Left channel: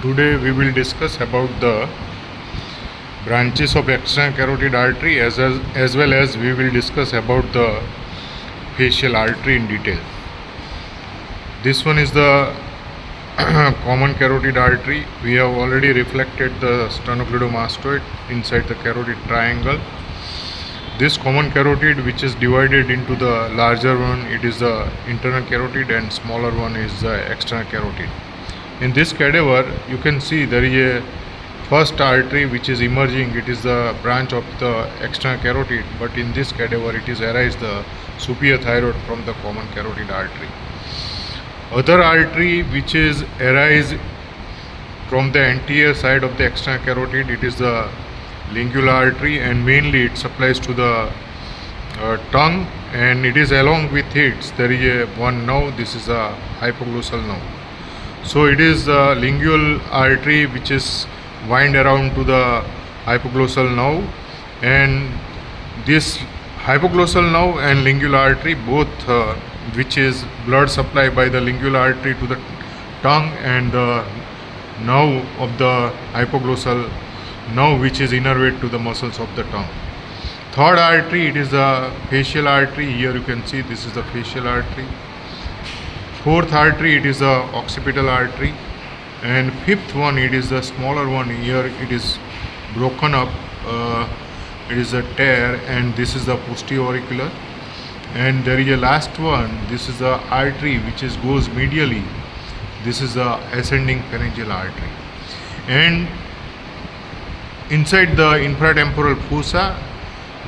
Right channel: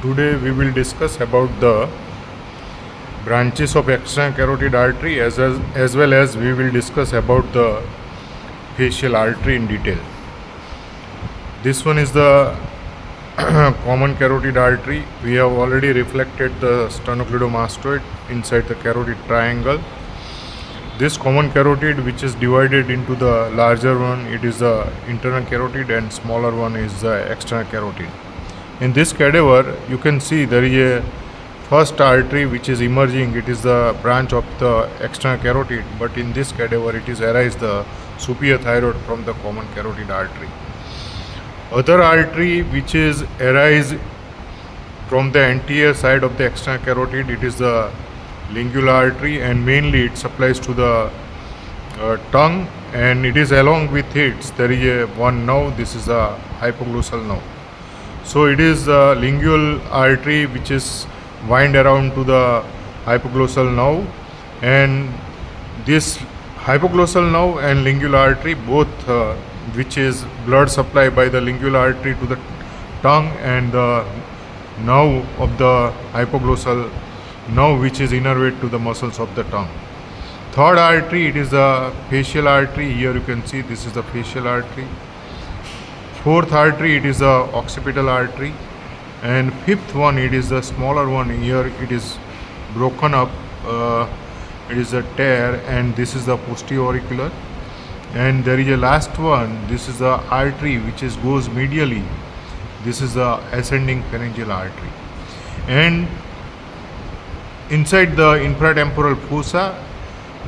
Today we will discuss about the branches of external carotid artery as well as we will discuss about the facial artery in detail. This one is the common carotid artery. We have already reflected the sternocleidomastoid inside the carotid triangle. This common carotid, which is divided into the larger one, it is the internal carotid, and smaller one is the external carotid. In this cadaver, you can see there is a first artery which is emerging. It is the branch of the external carotid, but in this cadaver it is arise the superior thyroid from the common carotid artery. Other artery which is arise from the anterior side of the external carotid, it is the lingular artery, and mainly it supplies to the tongue, and it is along with it there is a one nerve. This is a hypoglossal nerve. So it is the lingual artery which is wind around to the hypoglossal nerve, and this hypoglossal nerve and lingual artery both which is blood supply by the lingual artery to the tongue, and the nerve of the hypoglossal nerve which is innervate to the muscles of the tongue. Third artery, it is the facial artery. Here you can see this is the facial artery. Fourth artery, it is the occipital artery, and fifth one, it is the smaller one. Here it is broken up, it is a tear, and this is the posterior auricular. And there is a last one, this is the artery which is goes medially. This is the ascending pharyngeal artery, and inside the infratemporal fossa,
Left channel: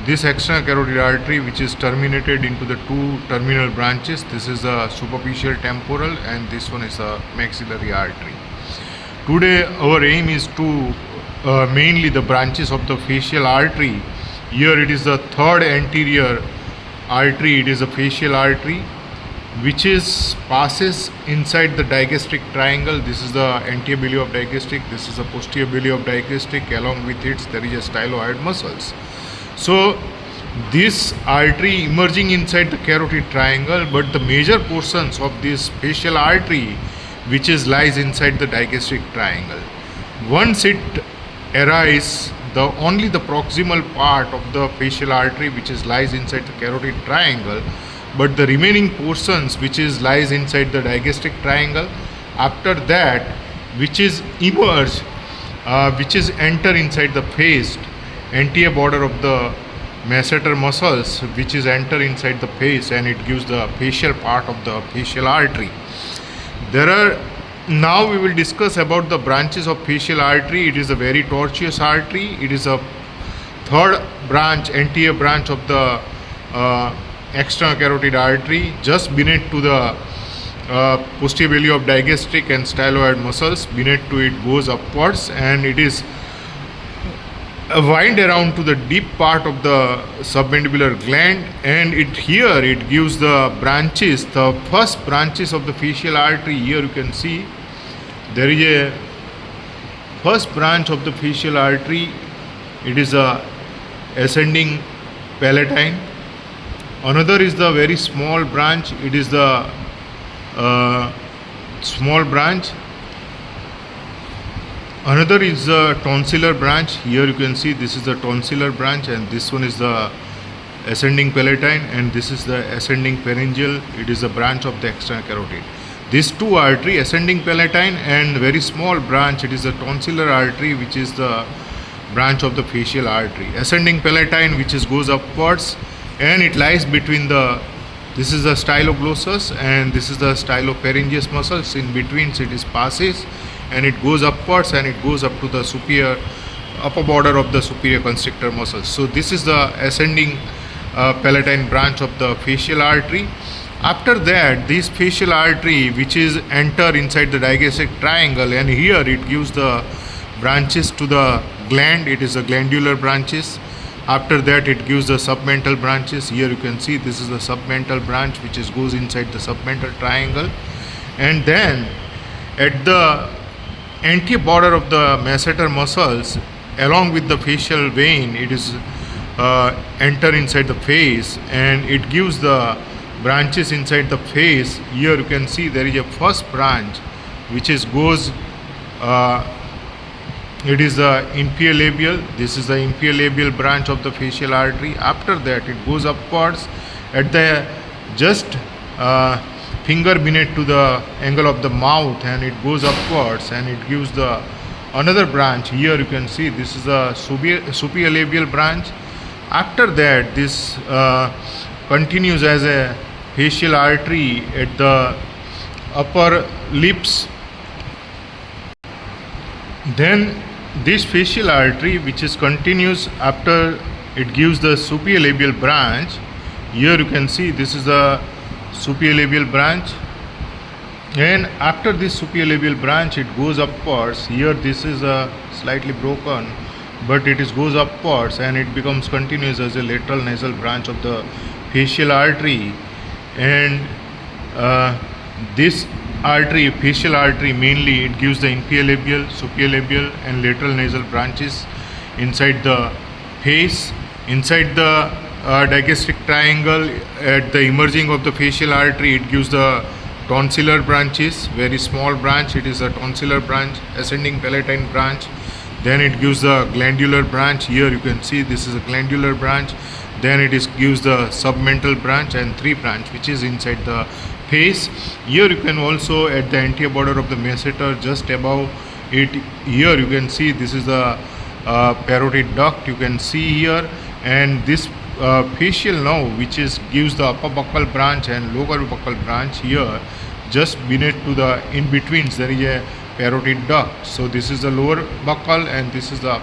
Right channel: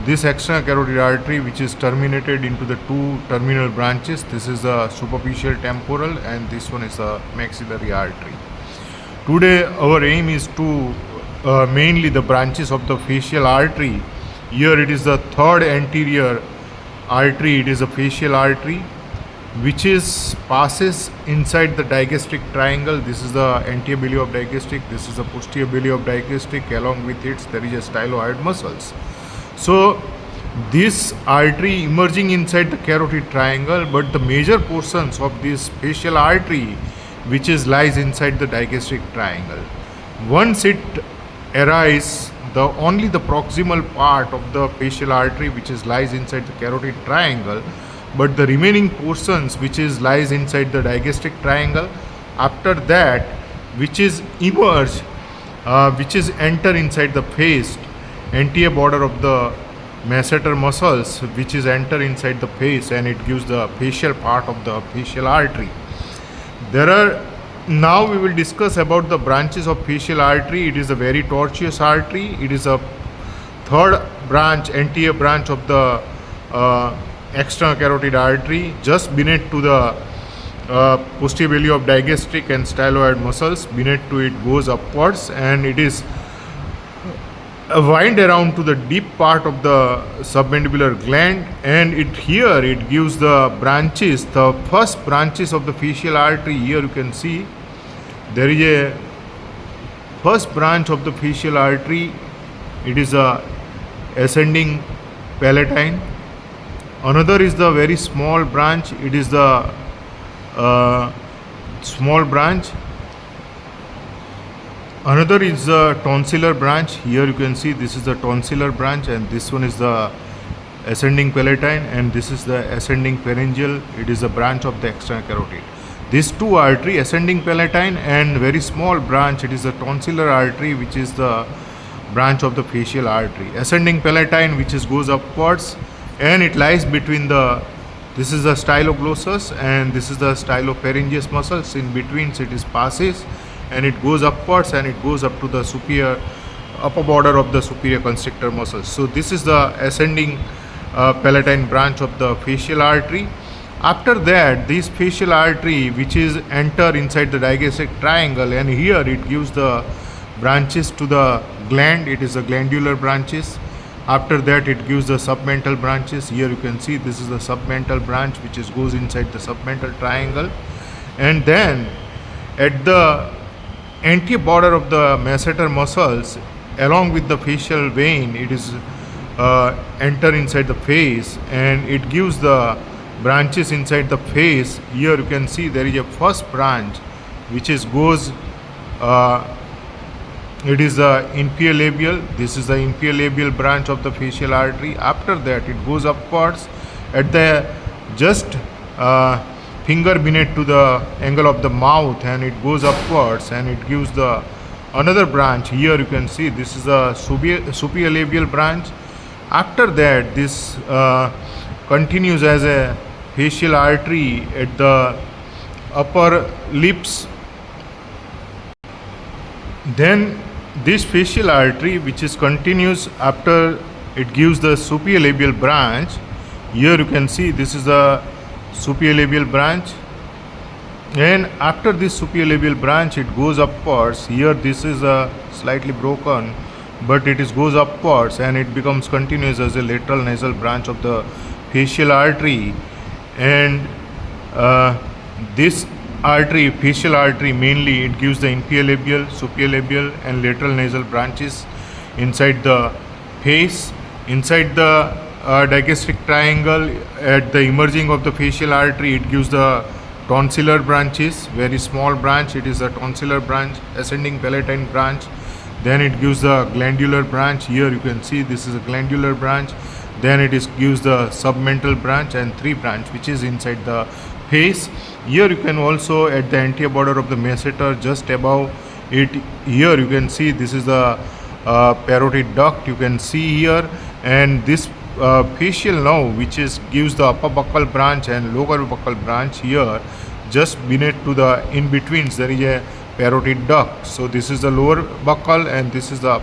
this external carotid artery which is terminated into the two terminal branches. This is the superficial temporal, and this one is the maxillary artery. Today our aim is to mainly the branches of the facial artery. Here it is the third anterior artery. It is a facial artery which is passes inside the digastric triangle. This is the anterior belly of digastric, this is the posterior belly of digastric. Along with it there is a styloid muscles. So this artery emerging inside the carotid triangle, but the major portions of this facial artery which is lies inside the digastric triangle. Once it arises, the only the proximal part of the facial artery which is lies inside the carotid triangle, but the remaining portions which is lies inside the digastric triangle. After that, which is emerge, which is enter inside the face, anterior border of the masseter muscles, which is enter inside the face, and it gives the facial part of the facial artery. Now we will discuss about the branches of facial artery. It is a very tortuous artery. It is a third branch, anterior branch of the external carotid artery, just beneath to the posterior belly of digastric and styloid muscles. Beneath to it goes upwards, and it is wind around to the deep part of the submandibular gland, and it gives the branches, the first branches of the facial artery. Here you can see there is a first branch of the facial artery. It is a ascending palatine. Another is the very small branch. It is the small branch. Another is the tonsillar branch. Here you can see this is the tonsillar branch, and this one is the ascending palatine, and this is the ascending pharyngeal. It is a branch of the external carotid. These two artery, ascending palatine and very small branch, it is the tonsillar artery which is the branch of the facial artery. Ascending palatine which is goes upwards, and it lies between the, this is the styloglossus and this is the stylopharyngeus muscles. In between it is passes, and it goes upwards, and it goes up to the superior upper border of the superior constrictor muscles. So this is the ascending palatine branch of the facial artery. After that, this facial artery which is enter inside the digastric triangle, and here it gives the branches to the gland. It is the glandular branches. After that, it gives the submental branches. Here you can see this is the submental branch which is goes inside the submental triangle, and then at the anterior border of the masseter muscles, along with the facial vein, it is enter inside the face, and it gives the branches inside the face. Here you can see there is a first branch which is goes uh, it is the inferior labial. This is the inferior labial branch of the facial artery. After that it goes upwards at the just finger beneath to the angle of the mouth, and it goes upwards and it gives the another branch. Here you can see this is a superior labial branch. After that this continues as a facial artery at the upper lips. Then this facial artery, which is continuous after it gives the superior labial branch. Here you can see this is the superior labial branch, and after this superior labial branch it goes upwards. Here this is slightly broken, but it is goes upwards and it becomes continuous as a lateral nasal branch of the facial artery. And this artery, facial artery, mainly it gives the inferior labial, superior labial and lateral nasal branches inside the face. Inside the digastric triangle at the emerging of the facial artery, it gives the tonsillar branches, very small branch. It is a tonsillar branch, ascending palatine branch. Then it gives the glandular branch. Here you can see this is a glandular branch. Then it gives the submental branch and three branch which is inside the face. Here you can also at the anterior border of the masseter, just above it, here you can see this is the parotid duct you can see here, and this facial nerve which is gives the upper buccal branch and lower buccal branch. Here just beneath to the in betweens there is a parotid duct. So this is the lower buccal and this is the